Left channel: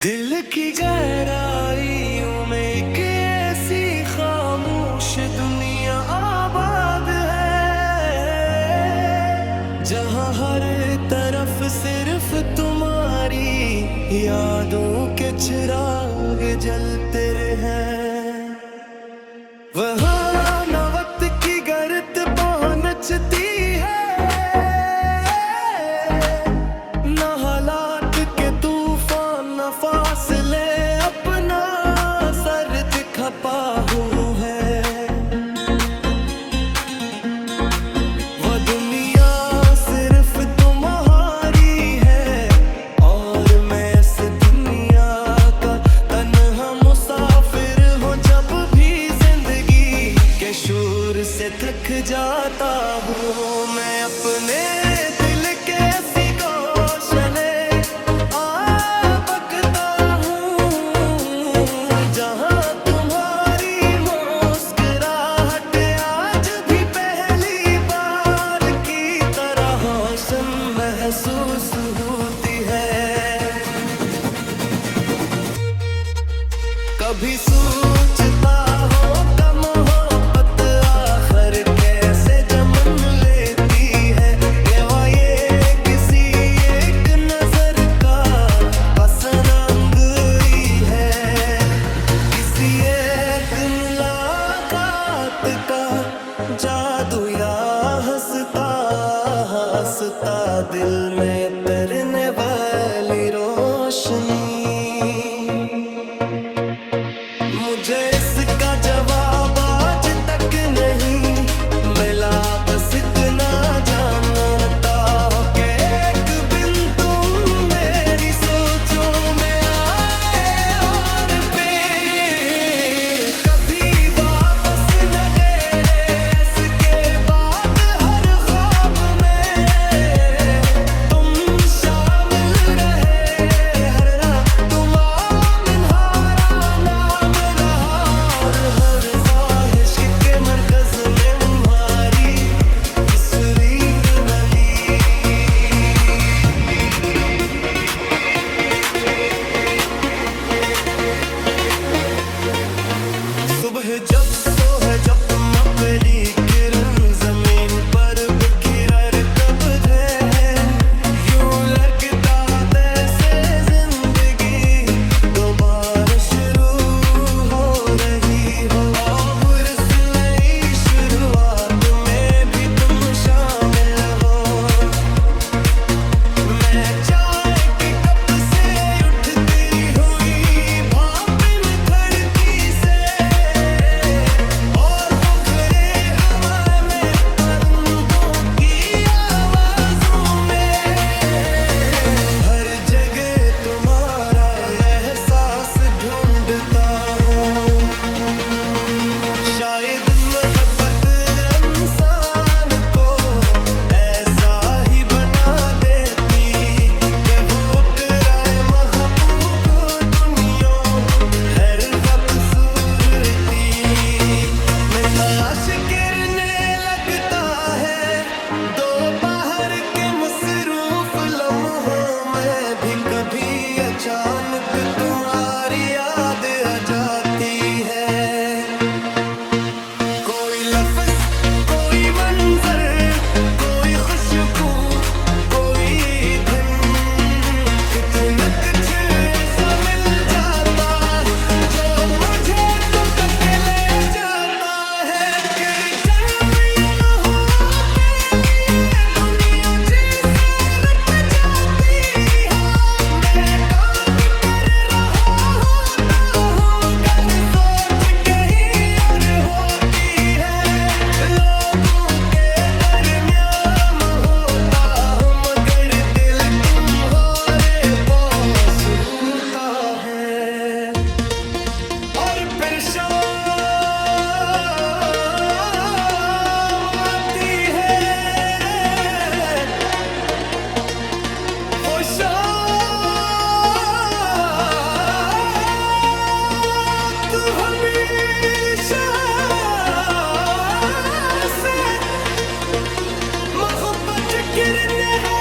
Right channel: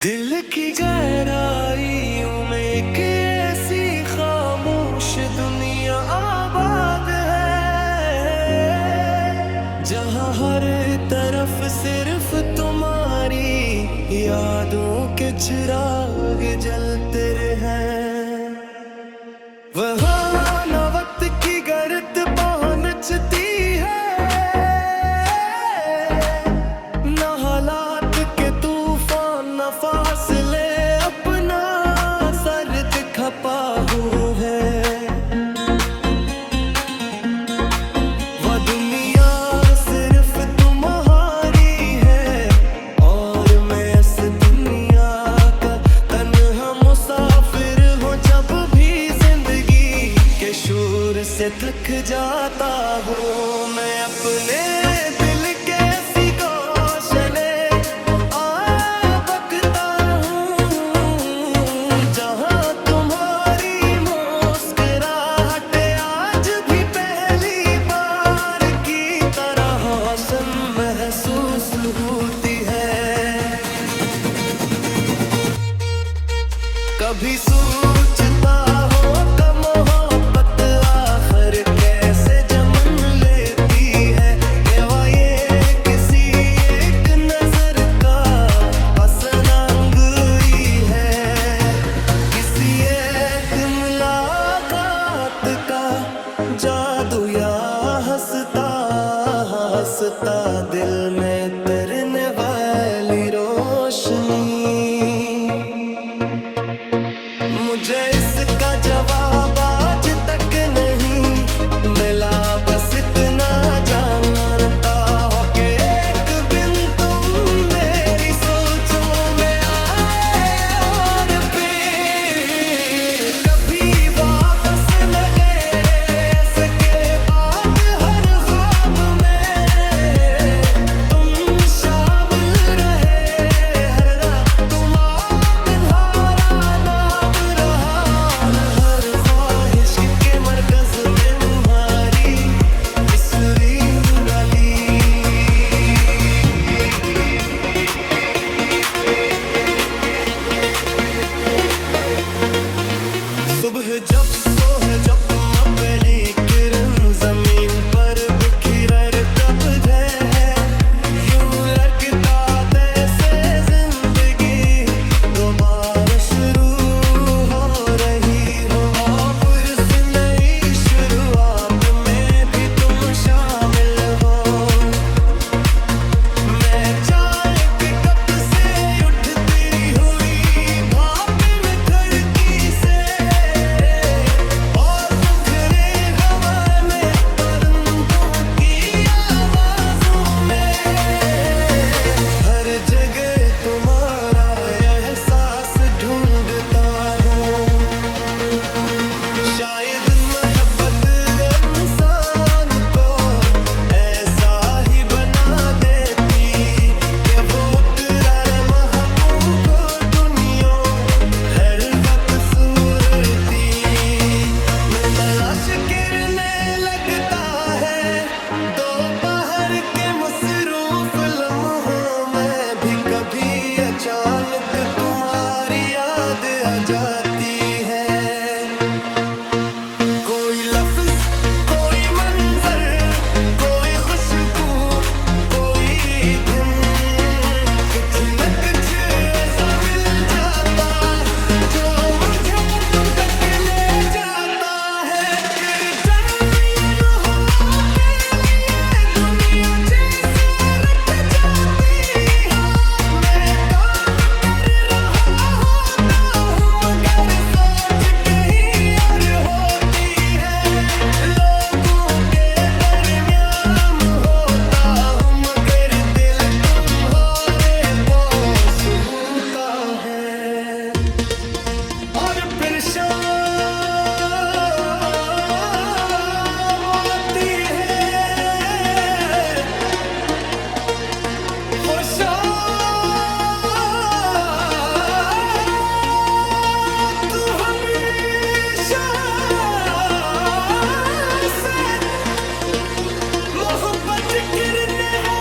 दिल की गहराइयों में एक ऐसी खामोश दुनिया आबाद है, जहाँ हर तरफ सिर्फ तुम्हारी यादों के चिराग जलते हैं। वहाँ न वक्त की गर्त पहुँचती है, न हालात के तूफान, न फासले अपना सर खपा है। वह दुनिया सिर्फ तुम्हारी है और मैं इस दुनिया का तन्हा मुसाफिर हूँ। जब भी जिंदगी के शोर से थक जाता हूँ, मैं अपने दिल के ऐसी गौशले बकता हूँ, जहाँ तुम्हारी मुस्कुराहट आज भी पहली बार की तरह रोशन महसूस होती है। कभी सोचता हो कम मोहब्बत आखिर कैसे जन्म लेती है, ये किसी एक नजर का पसंद ही है, किसी एक मुलाकात का जादू या हंसता हंसता दिल में तरने वाली रोशनी। मुझे इसका जवाब आज तक नहीं मिला, बस इतना जानता हो कि एक दिन तुम मेरी सोचों में आए और फिर कभी वापस न गए। इसके बाद हर ख्वाब में तुम शामिल रहे, हर रात तुम्हारा हारा नाम रहा, और हर ख्वाहिश के मरकज में तुम्हारी तस्वीर डाली। सुबह जब सोहे जब तुम अपनी किरण जमीन पर बिखर तब है, यूं लगता जैसे जिंदगी दोबारा शुरू हो रही हो, और इस नई शुरुआत में भी तुम शामिल हो। मैं चाय के कप से उठती हुई भाप खिड़की से, और बुखरे हवा में परिंदों की आवाज़ों में, हर जगह तुम्हारा एहसास ढूंढता हूँ। शायद मोहब्बत इंसान को ऐसा ही बना देती कि वो करारे महबूब को दुनिया हर खूबसूरती में तलाश करने लगता है। दोपहर के मसरूफ लम्हों में भी कभी अचानक तुम्हारी याद आ जाती है। कोई लफ्ज, कोई मंजर, कोई खुशबू, कोई दिन, कुछ न कुछ ऐसा मिल जाता जो मुझे तुम तक ले जाता है। फिर जन्म या न हो के लिए दुनिया जैसे रट जाती हो, मैं काम कर रहा होता हूँ मगर सोच कहीं और होती है। लोगों के दरमियान होता हूँ मगर दिल तुम्हारे पास होता है। और फिर शाम आती है, वो शाम तू हमेशा से मोहब्बत गिरने है।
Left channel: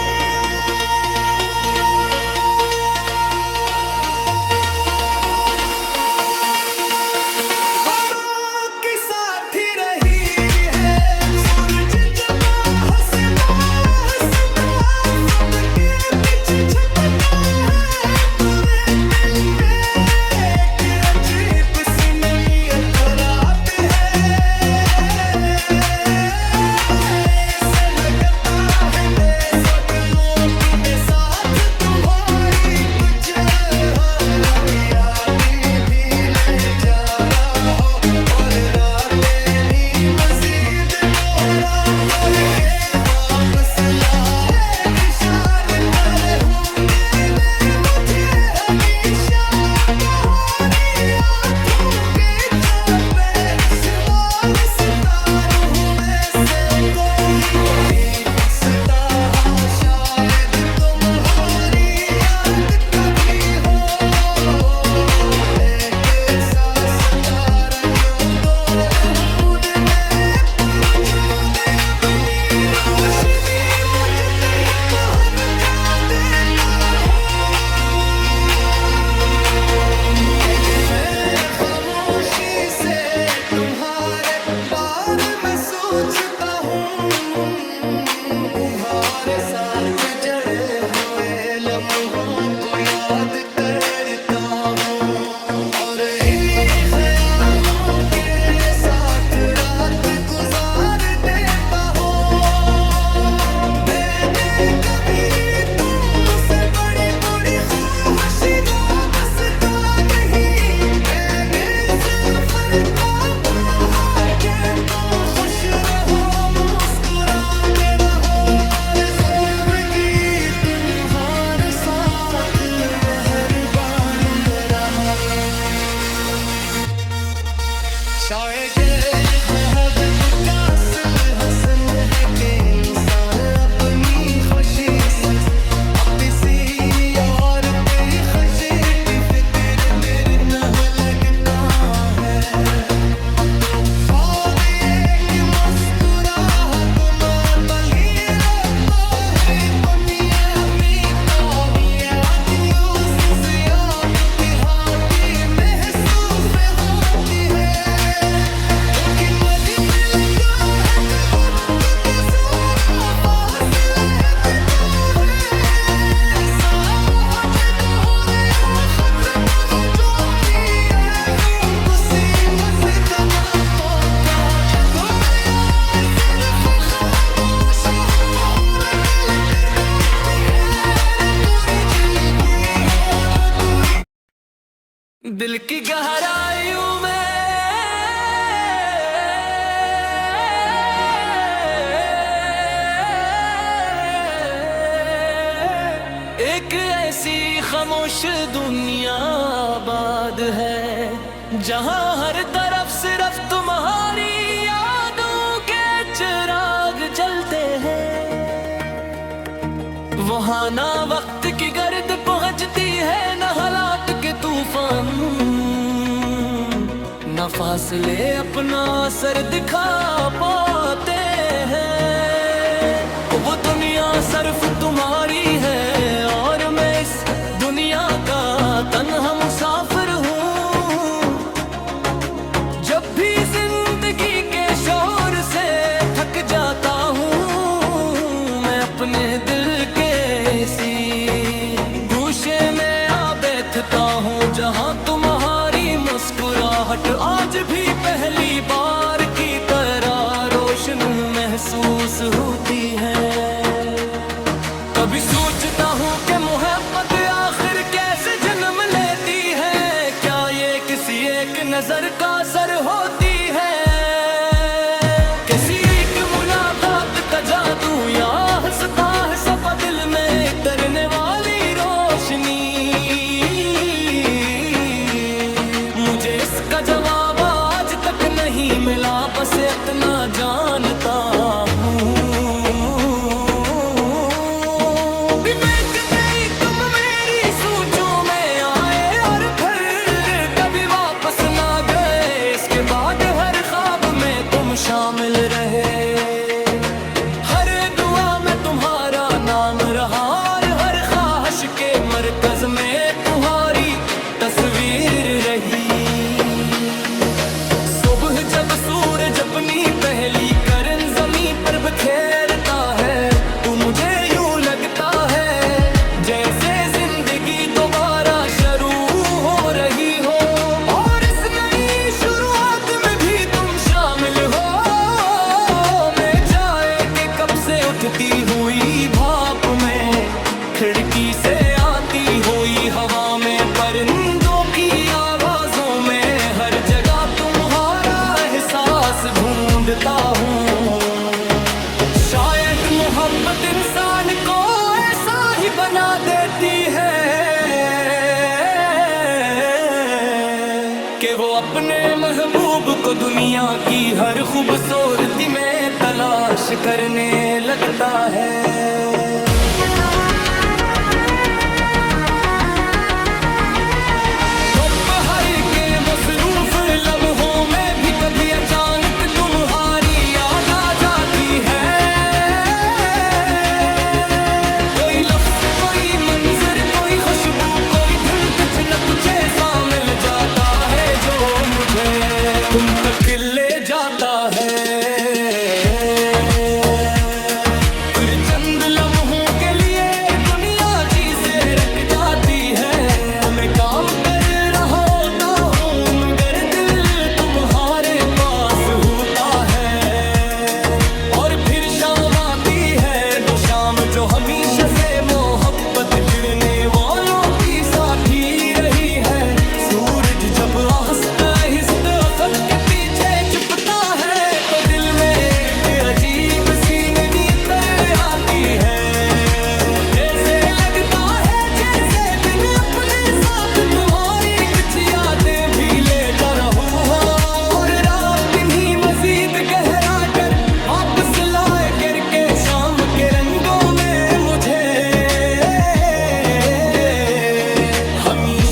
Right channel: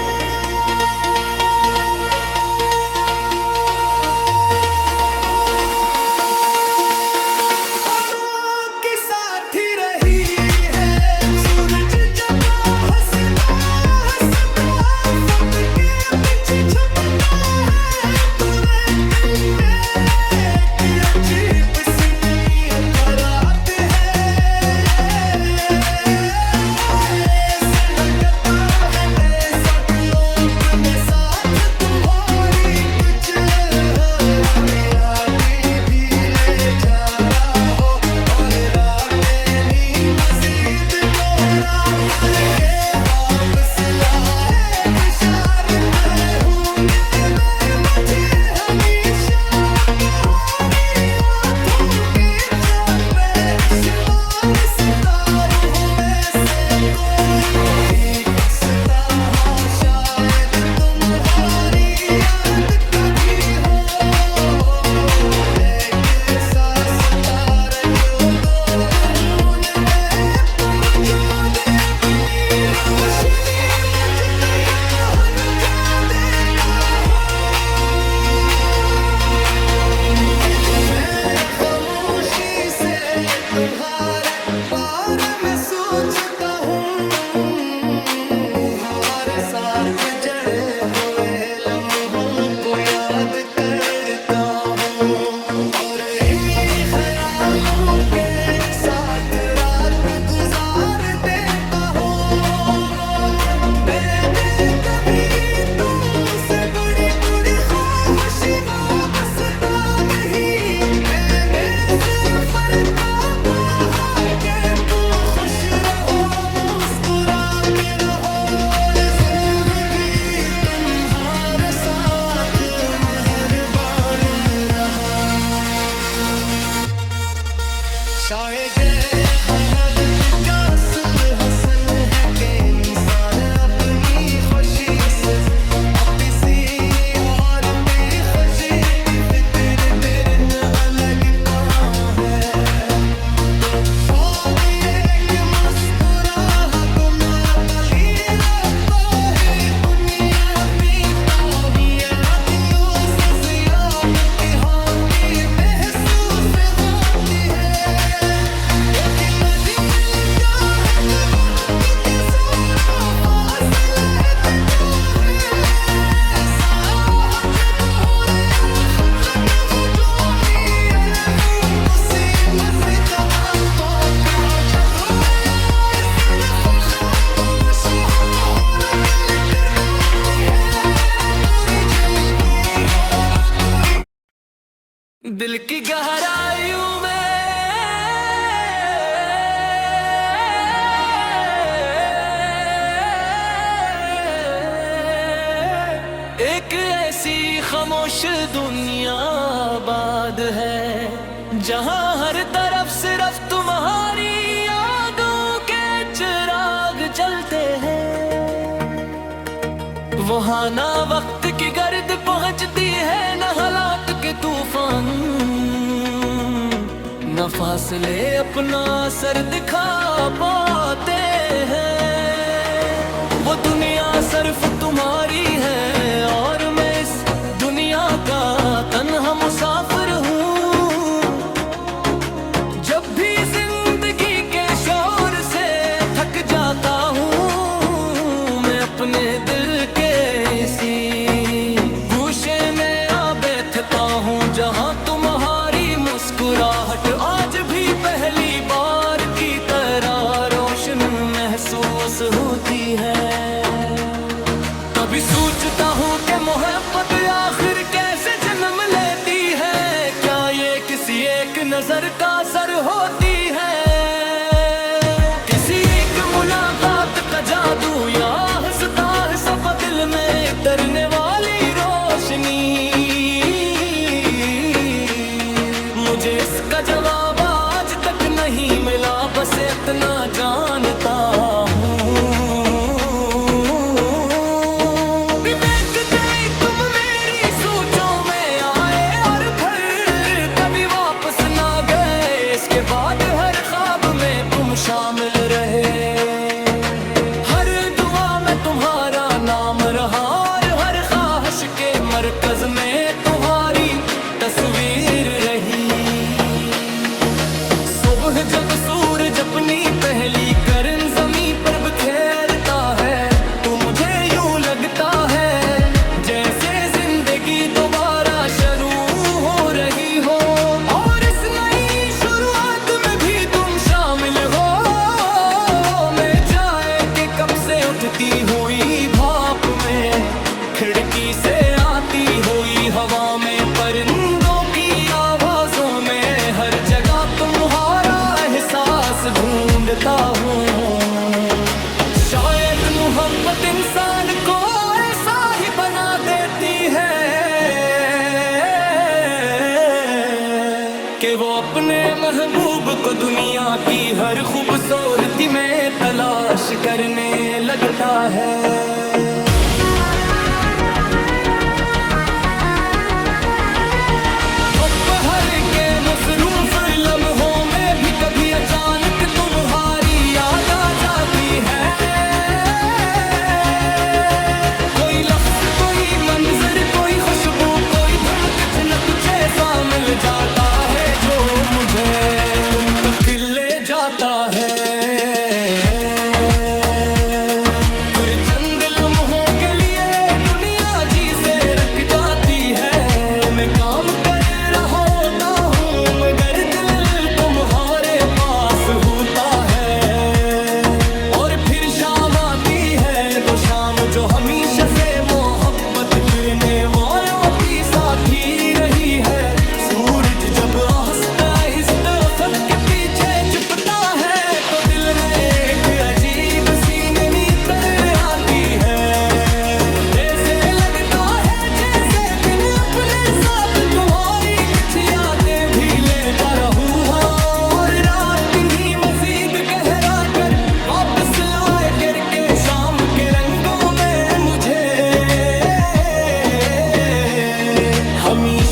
शायद शहादत का असल हसन है कि इंसान अपनी खुशी से अब किसी और पे खुशी की फिक्र तेरे न लगता है। तो ख्वाब ये कि मुस्कुराहट में बली लगता है दुनिया में कामयाब दिलों से ज़ियाब की हाथी महसूस होती है। क्योंकि नदी मिल जाए जब तुझे सारा फासला है तो है साया अजब हो रहा खुद तक हो चोरी अरे कुसी मस्जिद का मौका जब आया सिर्फ खामोश और दिल कर बोलती है पूरी जल्दी और पूरी दिल की गहराइयों में एक ऐसी खामोश दुनिया आबाद है जहां हर तरफ सिर्फ तुम्हारी यादों के चिराग जलते हैं। वहां ना वक्त की गर्द पहुंचती है न हालात के तूफान, न फासले अपना असर दिखा पाते हैं। वो दुनिया सिर्फ तुम्हारी है और मैं इस दुनिया का तन्हा मुसाफिर हूँ। जब भी जिंदगी के शोर से थक जाता हूँ मैं अपने दिल के इसी गूशे में आ बैठता हूँ जहाँ तुम्हारी मुस्कुराहट आज भी पहली बार की तरह रोशन महसूस होती है। कभी सोचता हूँ कि मोहब्बत आखिर कैसे जन्म लेती है, क्या ये किसी एक नजर का असर होती है, किसी एक मुलाकात का जादू या हंसता है सब दिल में तरने वाली रोशनी। मुझे इसका जवाब आज तक नहीं मिला, बस इतना जानता हूँ इसके बाद हर ख्वाब में तुम शामिल रहे, हर दुआ में तुम्हारा नाम रहा और हर ख्वाहिश के मरकज में तुम्हारी तस्वीर रही। सुबह जब सूरज अपनी पहली किरण ज़मीं पर बिखेरता है तो मुझे यूं लगता है जैसे जिंदगी दोबारा शुरू हो रही हो और उठती हुई भाप में खिड़की से आती हुई हवा में परिंदों की आवाजों में हर जगह तुम्हारा एहसास ढूंढता हूँ। शायद मोहब्बत इंसान को ऐसा ही बना देती है कि वो अपने महबूब को दुनिया की हर खूबसूरती में तलाश करने लगता है। दोपहर के मसरूफ लम्हों में भी कभी अचानक तुम्हारी याद आ जाती है। कोई लफ्ज़, कोई मंजर, कोई खुशबू, कोई धुन, कुछ न कुछ ऐसा मिल जाता है जो मुझे तुम तक ले जाता है। फिर चंद लम्हों के लिए दुनिया जी से रख जाती है। मैं काम कर रहा होता हूँ मगर दिल तुम्हारे पास होता है। और फिर शाम आती है दो शाम जो हमेशा से मोहब्बत करने वालों की साथी रही है। सूरज जब आहिस्ता आहिस्ता अफक के पीछे छुपता है तो दिल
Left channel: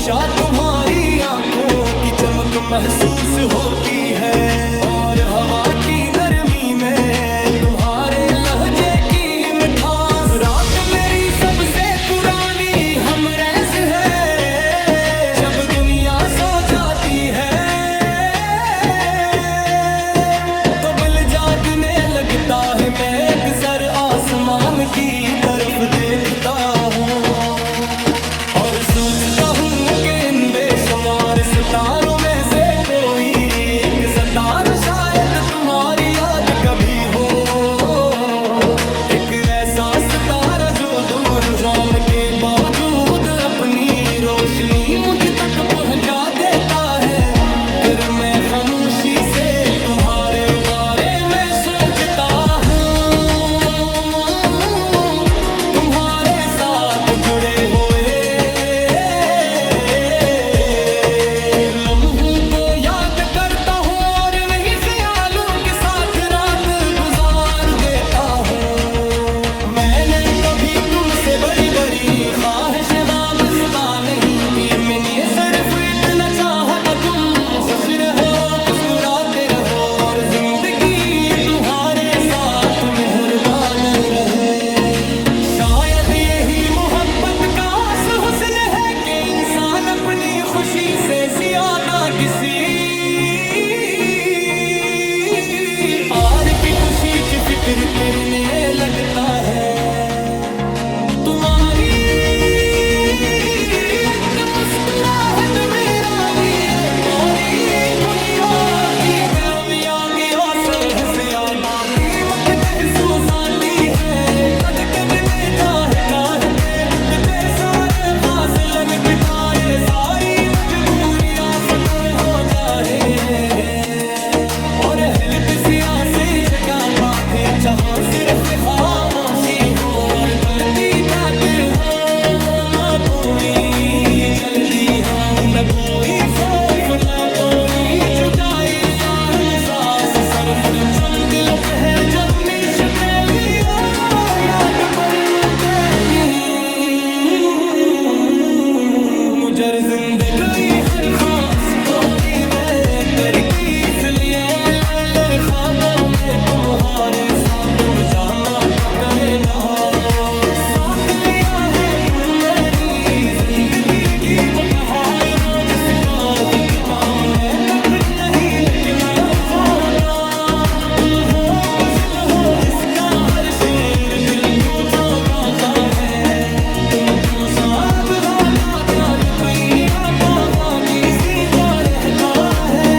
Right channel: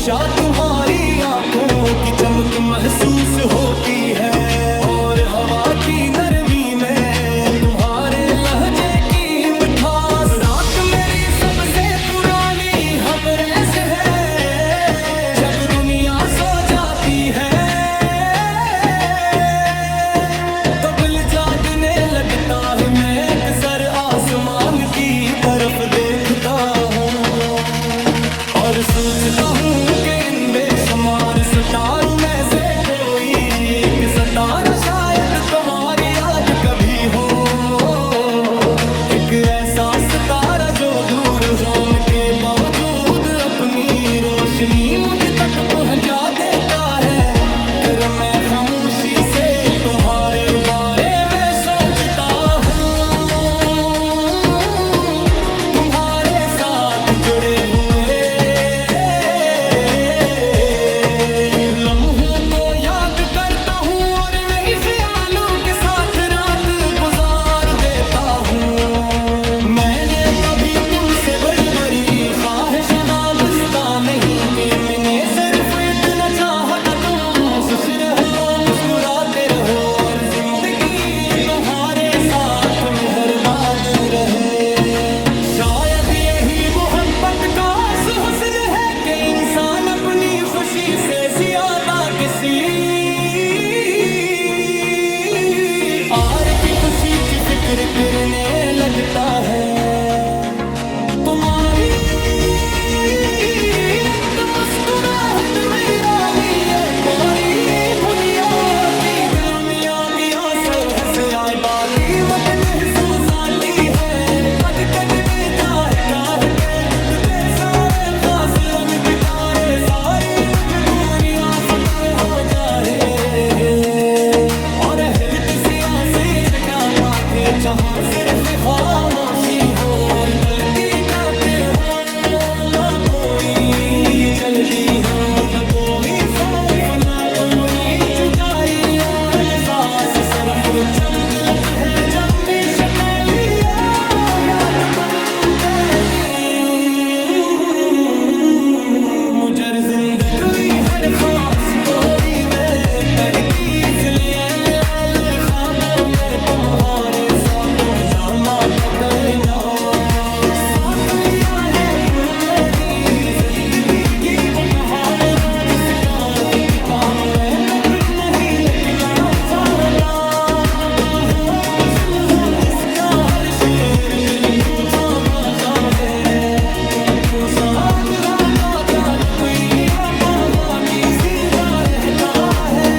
हमेशा तुम्हारी आंखों की चमक महसूस होती है, और हवा की नरमी में तुम्हारे लहजे की मिठास। रात मेरी सबसे पुरानी हमरैस है, जब दुनिया सो जाती है तो दिल जागने लगता है। मैं अक्सर आसमान की तरफ देखता हूँ और सोचता हूँ कि इन बेशुमार सितारों में से कोई एक सितारा शायद तुम्हारी याद कभी हो। एक ऐसा सितारा जो दूर शाम के बावजूद अपनी रोशनी मुझ तक पहुँचा देता है। फिर मैं खामोशी से तुम्हारे बारे में सोचता हूँ, तुम्हारे साथ जुड़े हुए लम्हों को याद करता हूँ और नहीं ख्यालों के साथ रात गुजार देता हूँ। मैंने कभी तुमसे बड़ी बड़ी ख्वाहिश वाबस्ता नहीं कि मैंने सिर्फ इतना चाहा कि तुम खुश रहो, मुस्कुराते रहो और जिंदगी तुम्हारे साथ मेहरबान रहे। शायद यही मोहब्बत का हुस्न है कि इंसान अपनी खुशी से ज्यादा किसी और की खुशी की फिक्र करने लगता है। तुम्हारी मुस्कुराहट मेरा लिए पूरी दुनिया की कामयाबी की असर से आबादी मत महसूस आती है। कद कद में चाहता है ते सारे फासलन गिटारे सारी मजबूरियां फटा हो जाए, और हिलती सियासी जगह पाके जहाँ सिर्फ खामोशी हो और गलती जाते हो, ना कोई चलगी हो न कोई खौफ न कोई जुदाई या एहसास। सर पर चमक लब है जमनी शक्लिया याद परंदनी मुझर जिंदगी हर खास कोई में करती, इसलिए मिला ले ख्वाबों में तुम्हारे साथ तुम जाना कहे ना। साथ लिया है तुम मेरी जिंदगी की वो कहानी जिसका किताब में तक नहीं लिखना चाहता। तुम वो गजल हो जिसका हर शेर दिल को चौंकाता है। तुमको साथ वादा जाल पीरा पौधा की सींजा रहता है।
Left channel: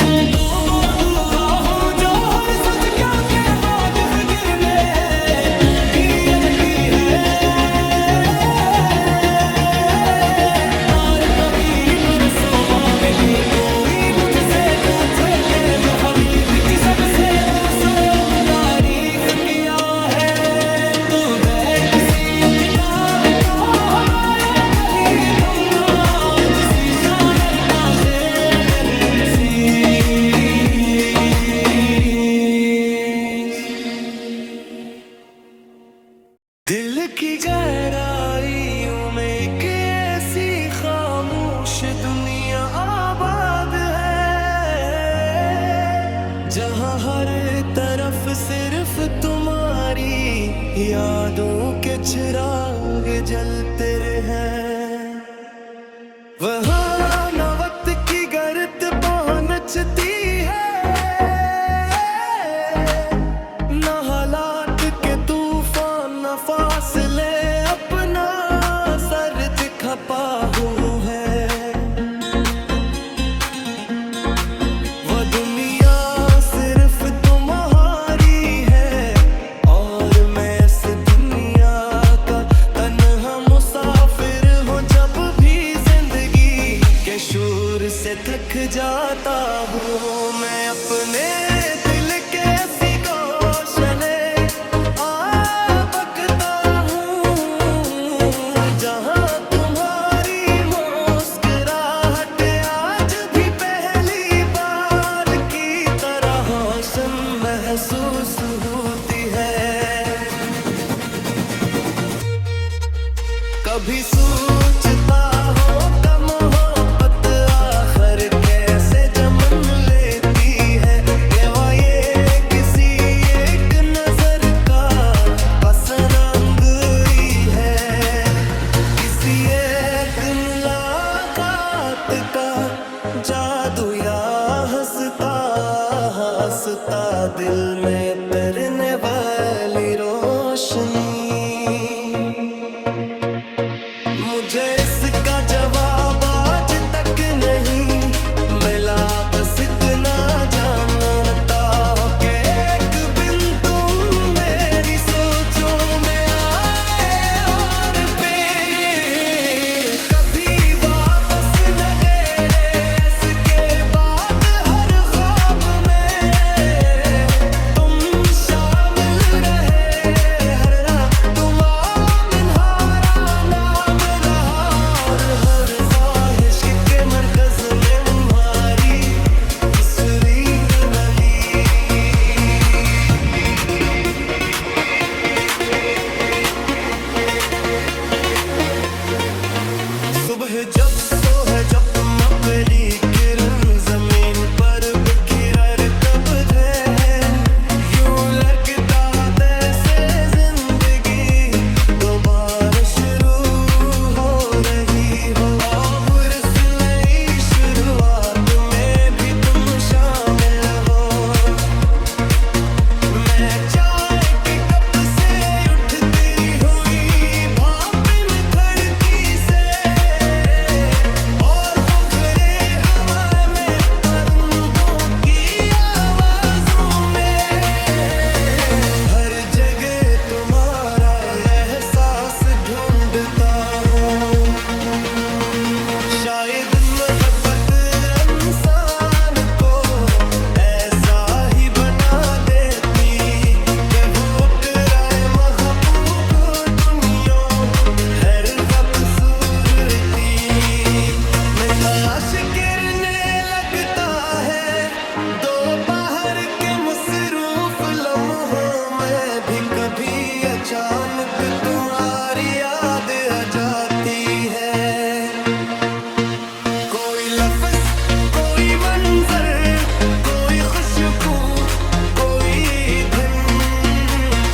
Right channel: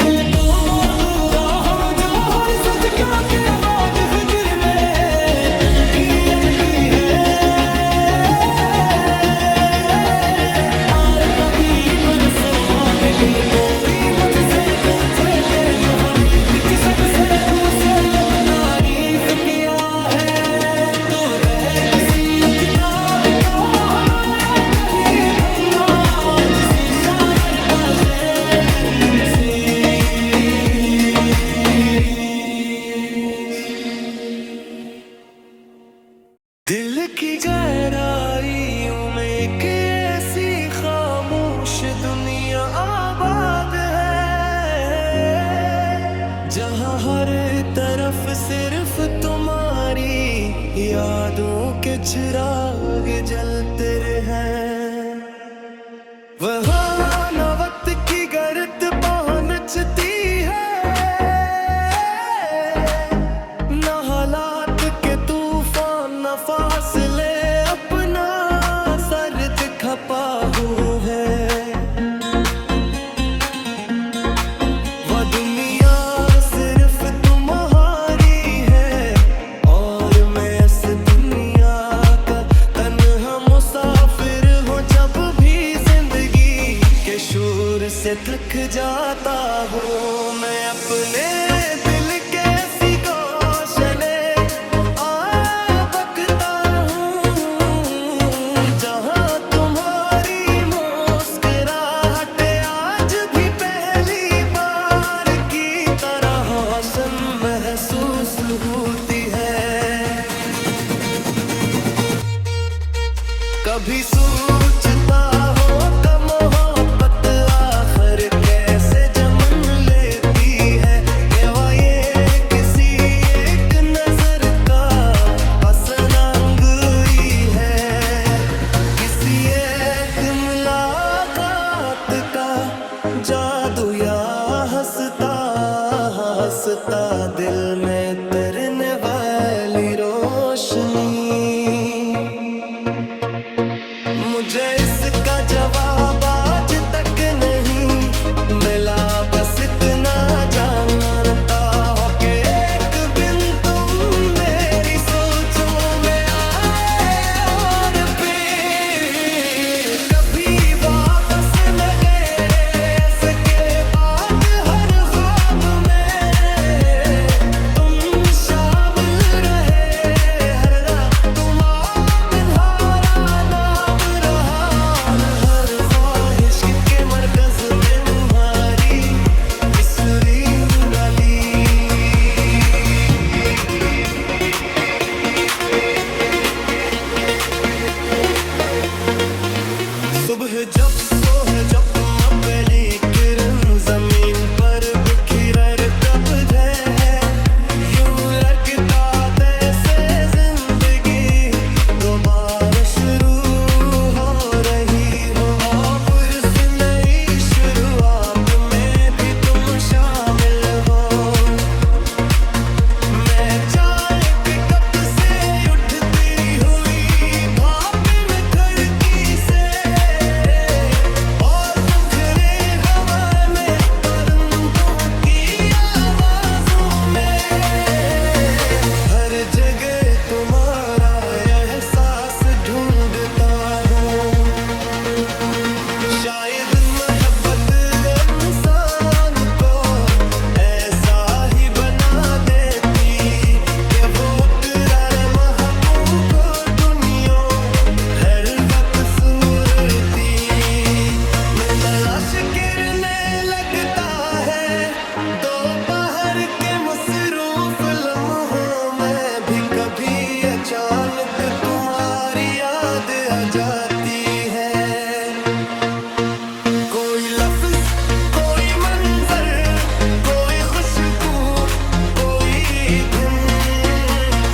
तुम तो वो दुआ हो जो हर सच क्या के बाद फिक्र में तुम भी अजती है। और कभी परसों बात के कोई मुझसे पूछे के मुहरी किसी सबसे पूछो तारीफ किया है। तू बैठ सी किताब का हवाला नहीं दूंगा जिसी शायर का शेर करन से। दिल की गहराइयों में एक ऐसी खामोश दुनिया आबाद है, जहाँ हर तरफ सिर्फ तुम्हारी यादों के चिराग जलते हैं। वहाँ न वक्त की गर्त पहुँचती है, न हालात के तूफान न फासले अपना सर्द खपा हुआ है। वो दुनिया सिर्फ तुम्हारी है और मैं इस दुनिया का तन्हा मुसाफिर हूँ। जब भी जिंदगी के शोर से थक जाता हूँ, मैं अपने दिल के ऐसी गौशले बकता हूँ, जहाँ तुम्हारी मुस्कुराहट आज भी पहली बार की तरह रोशन महसूस होती है। कभी सोचता हो वास्ता दिल में तरने वाली रोशनी। मुझे इसका जवाब आज तक नहीं मिला, बस इतना जानता हो कि एक दिन तुम मेरी सोचों में आए और फिर कभी वापस न गए। इसके बाद हर ख्वाब में तुम शामिल रहे, हर रात तुम्हारा नाम रहा, और हर ख्वाहिश के मरकज में तुम्हारी बिसरीन गली। सुबह जब सोहे जब तुम अपनी किरण जमीन पर बिखरे तब है यूं लड़कता जैसे जिंदगी दोबारा शुरू हो रही हो। और इस नई शुरुआत में भी तुम शामिल हो। मैं चाय के कप से उठती हुई भाप में खड़की से, और बुखरे हवा में परिंदों की आवाज़ों में, हर जगह तुम्हारा एहसास ढूंढता हूँ। शायद मोहब्बत इंसान को ऐसा ही बना देती कि वो करारे महबूब को दुनिया हर वक्त सूरती में तलाश करने लगता है। दोपहर के मसरूफ लम्हों में भी कभी अचानक तुम्हारी याद आ जाती है। कोई लफ्ज, कोई मंजर, कोई खुशबू, कोई दिन,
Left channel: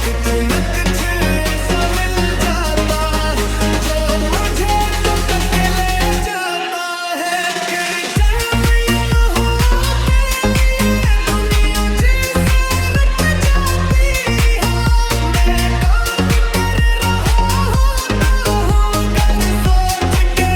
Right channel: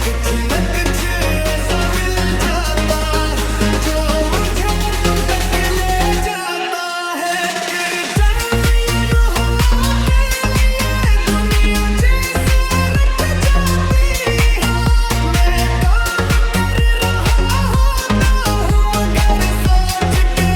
कुछ न कुछ ऐसा मिल जाता जो मुझे तुम तक ले जाता है। फिर जन्म या न हो के लिए दुनिया जैसे रट जाती हो। मैं काम कर रहा होता हूँ मगर सोच के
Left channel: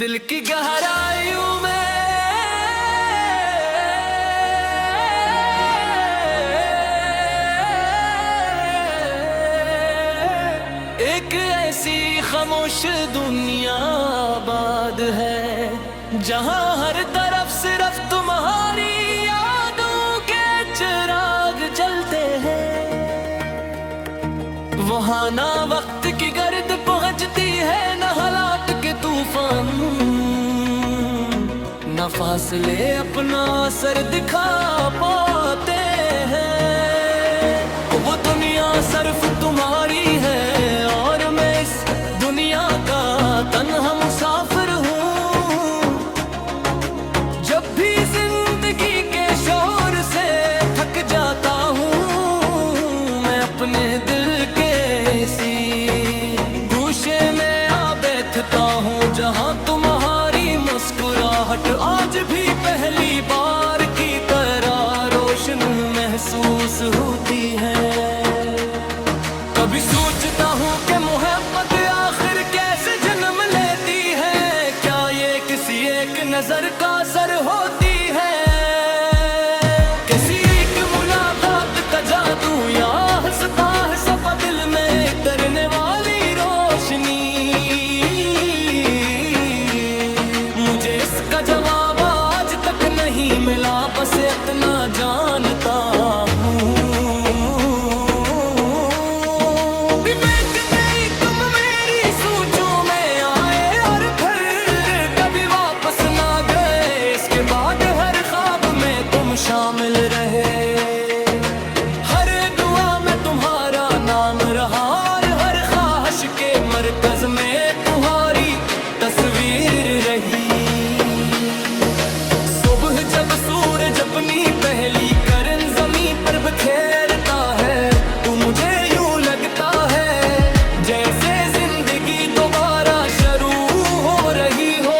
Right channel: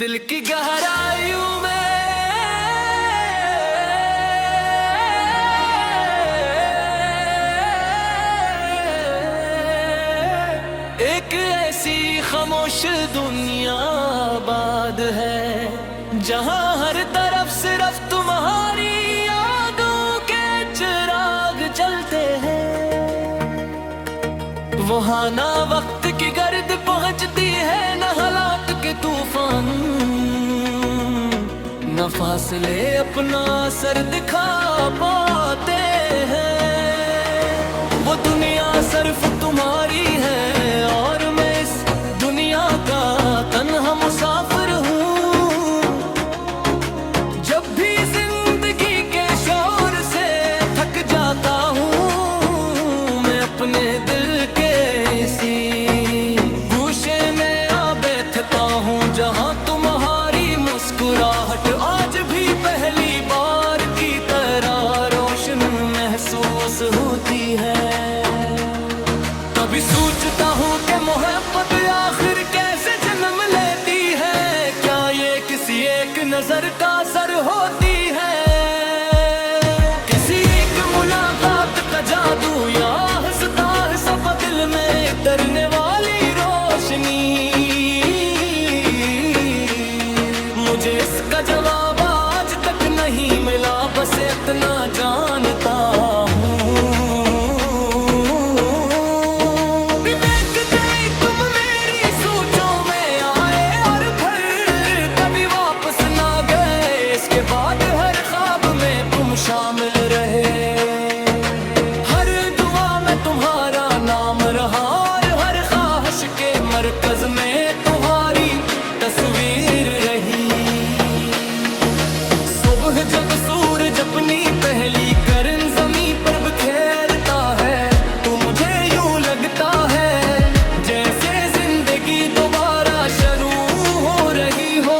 दिल की गहराइयों में एक ऐसी खामोश दुनिया आबाद है, जहां हर तरफ सिर्फ तुम्हारी यादों के चिराग जलते हैं। वहां ना वक्त की गर्द पहुंचती है, न हालात के तूफान, न फासले अपना असर दिखा पाते हैं। वो दुनिया सिर्फ तुम्हारी है और मैं इस दुनिया का तन्हा मुसाफिर हूँ। जब भी जिंदगी के शोर से थक जाता हूँ, मैं अपने दिल के इसी गूशे में आ बैठता हूँ, जहाँ तुम्हारी मुस्कुराहट आज भी पहली बार की तरह रोशन महसूस होती है। कभी सोचता हूँ कि मोहब्बत आखिर कैसे जन्म लेती है, क्या ये किसी एक नजर का असर होती है, किसी एक मुलाकात का जादू, या हंसता है सब दिल में तरने वाली रोशनी। मुझे इसका जवाब आज तक नहीं मिला, बस इतना जानता हूँ तुम मेरी सोचों में आए और फिर कभी वापस ना गए। इसके बाद हर ख्वाब में तुम शामिल रहे, हर दुआ में तुम्हारा नाम रहा और हर ख्वाहिश के मरकज में तुम्हारी तस्वीर रही। सुबह जब सूरज अपनी पहली किरण ज़मीं पर बिखेरता है, तो मुझे यूं लगता है जैसे जिंदगी दोबारा शुरू हो रही हो,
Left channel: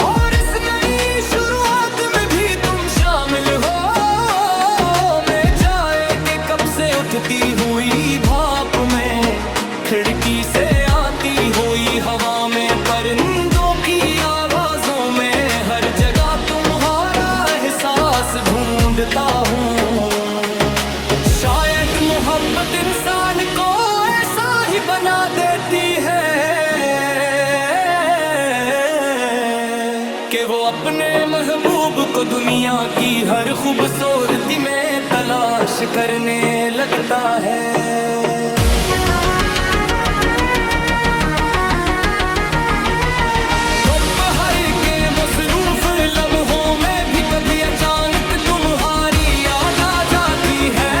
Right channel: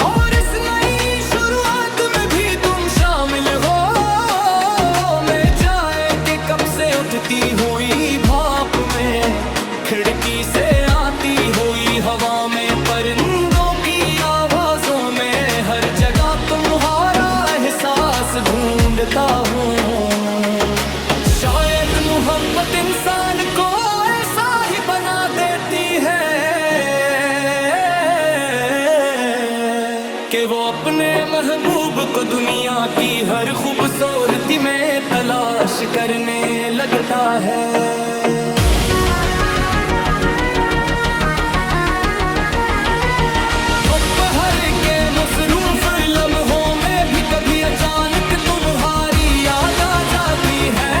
और इस नई शुरुआत में भी तुम शामिल हो। मैं चाय के कप से उठती हुई भाप में, खिड़की से आती हुई हवा में, परिंदों की आवाजों में, हर जगह तुम्हारा एहसास ढूंढता हूँ। शायद मोहब्बत इंसान को ऐसा ही बना देती है कि वो अपने महबूब को दुनिया की हर खूबसूरती में तलाश करने लगता है। मसरूफ लम्हों में भी कभी अचानक तुम्हारी याद आ जाती है।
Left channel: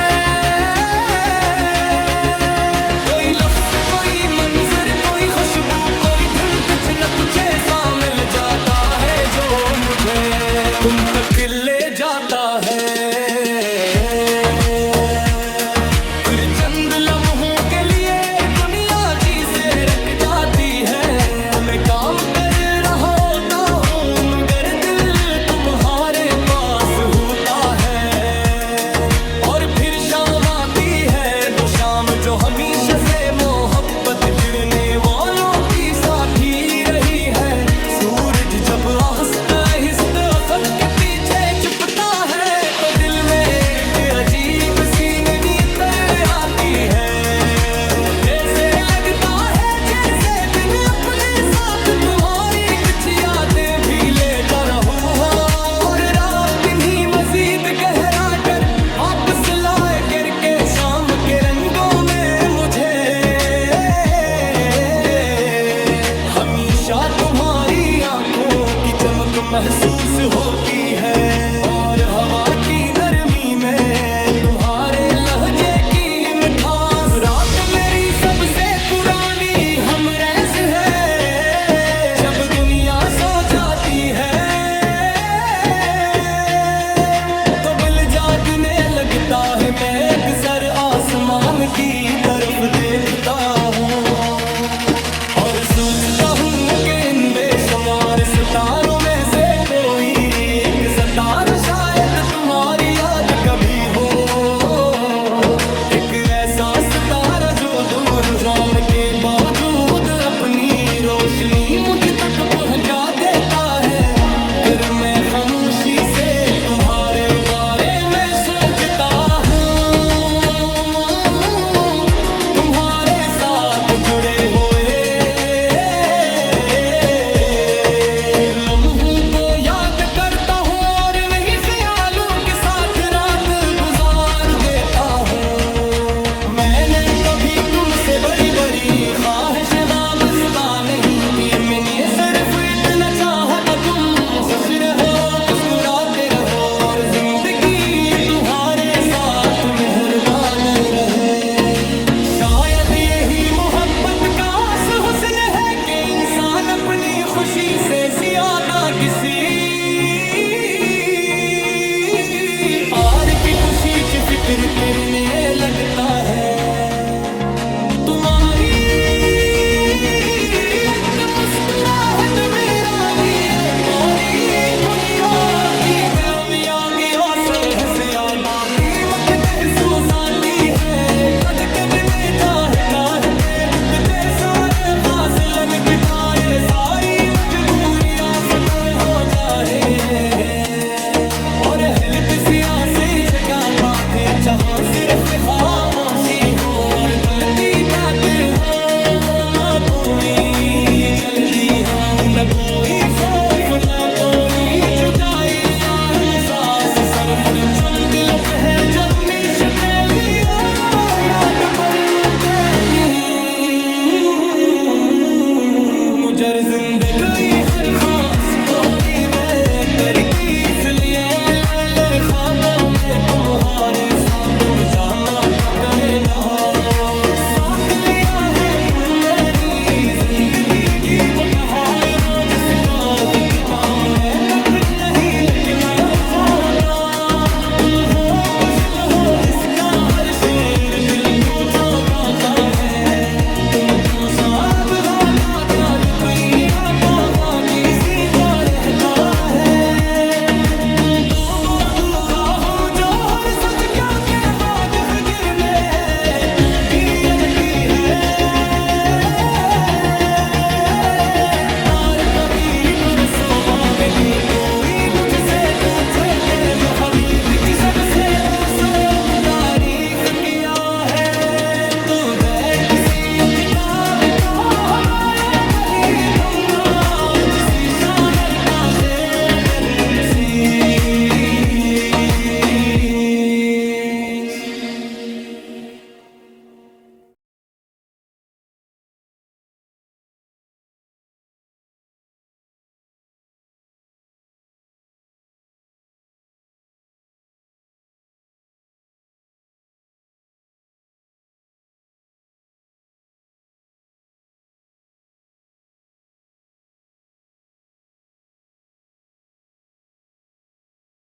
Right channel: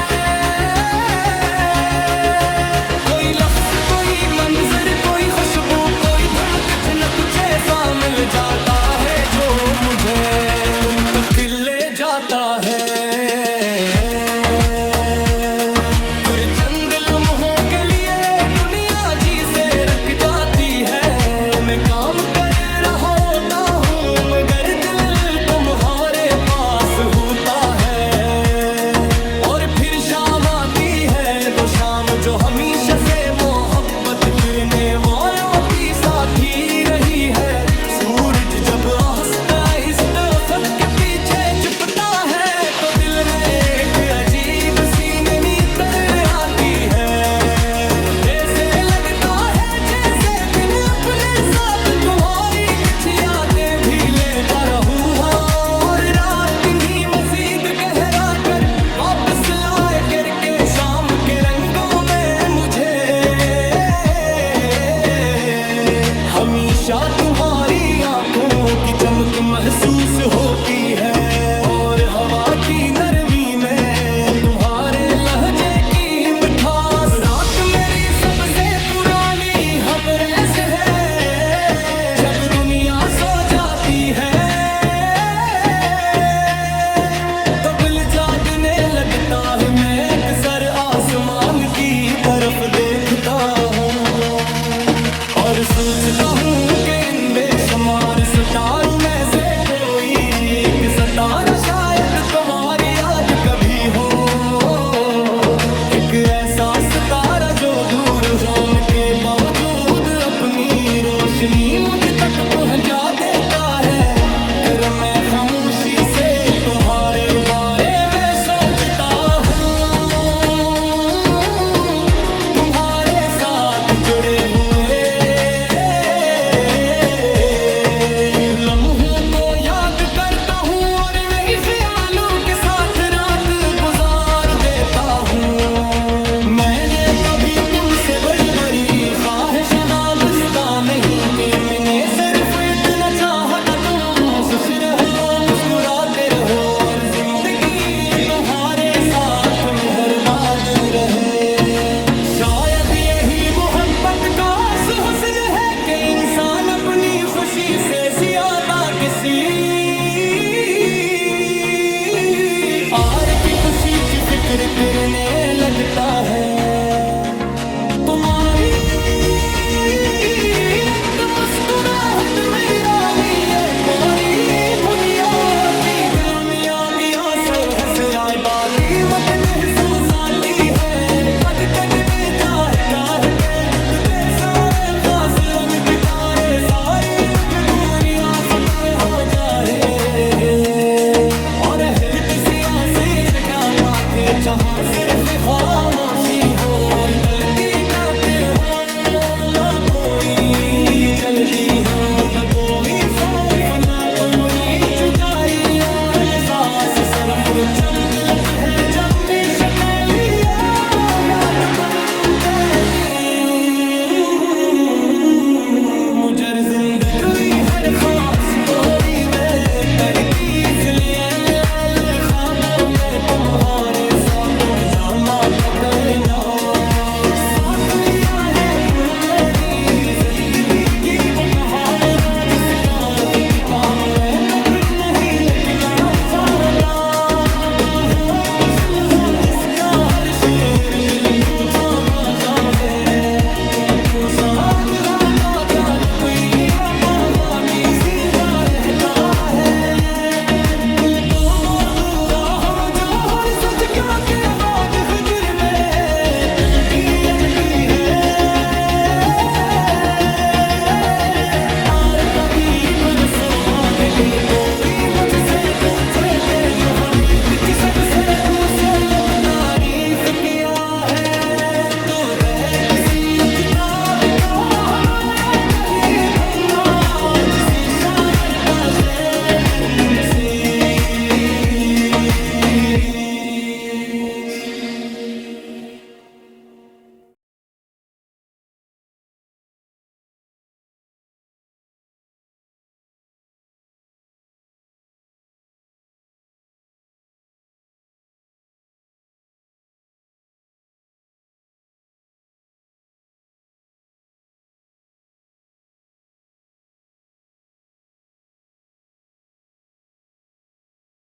कोई लफ्ज़, कोई मंजर, कोई खुशबू, कोई धुन, कुछ न कुछ ऐसा मिल जाता है जो मुझे तुम तक ले जाता है। फिर चंद लम्हों के लिए दुनिया जी से रख जाती है। मैं काम कर रहा होता हूँ मगर दिल तुम्हारे पास होता है, और फिर शाम आती है दो शाम जो हमेशा से मोहब्बत करने वालों की साथी रही है। सूरज जब आहिस्ता आहिस्ता अफक के पीछे छुपता है, तो दिल में एक अजीब सी नींदर आती है। जैसे लगता है जैसे दिन अपने साथ तुम्हारी कुछ यादें भी लेता रहूं, और रात इन्हीं मजीद गहरा कर वापस लाए करके शाम के रंगों में मुझे। हमेशा तुम्हारी आंखों की चमक महसूस होती है, और हवा की नरमी में तुम्हारे लहजे की मिठास। रात मेरी सबसे पुरानी हमरैस है, जब दुनिया सो जाती है तो दिल जागने लगता है। मैं अक्सर आसमान की तरफ देखता हूँ और सोचता हूँ कि इन बेशुमार सितारों में से कोई एक सितारा शायद तुम्हारी याद कभी हो। एक ऐसा सितारा जो दूर शाम के के बावजूद अपनी रोशनी मुझ तक पहुंचा देता है। फिर मैं खामोशी से तुम्हारे बारे में सोचता हूँ, तुम्हारे साथ जुड़े हुए लम्हों को याद करता हूँ और नहीं ख्यालों के साथ रात गुजार देता हूँ। मैंने कभी तुमसे बड़ी बड़ी ख्वाहिश वाबस्ता नहीं कि मैंने सिर्फ इतना चाहा था तुम खुश रहो, मुस्कुराते रहो और जिंदगी तुम्हारे साथ मेहरबान रहे। शायद यही मोहब्बत का हुस्न है कि इंसान अपनी खुशी से ज्यादा किसी और की खुशी की फिक्र करने लगता है। तुम्हारी एक मुस्कुराहट मेरा लिए पूरी दुनिया की गमियों की असर हंसे आए बादी मत महसूस आती है। कद कद में चाहते तुझे सारे फासिलन गिटारे सारी मजबूरियां पता हो जाए और हिलत सियासी जगह पाके जहाँ सिर्फ खामोशी हो और गलती जाते हो ना कोई चलती हो न कोई खौफ न कोई जुदाई एहसास सर पर चमक लब है जब नी शक्लिया याद पर मुझे जिंदगी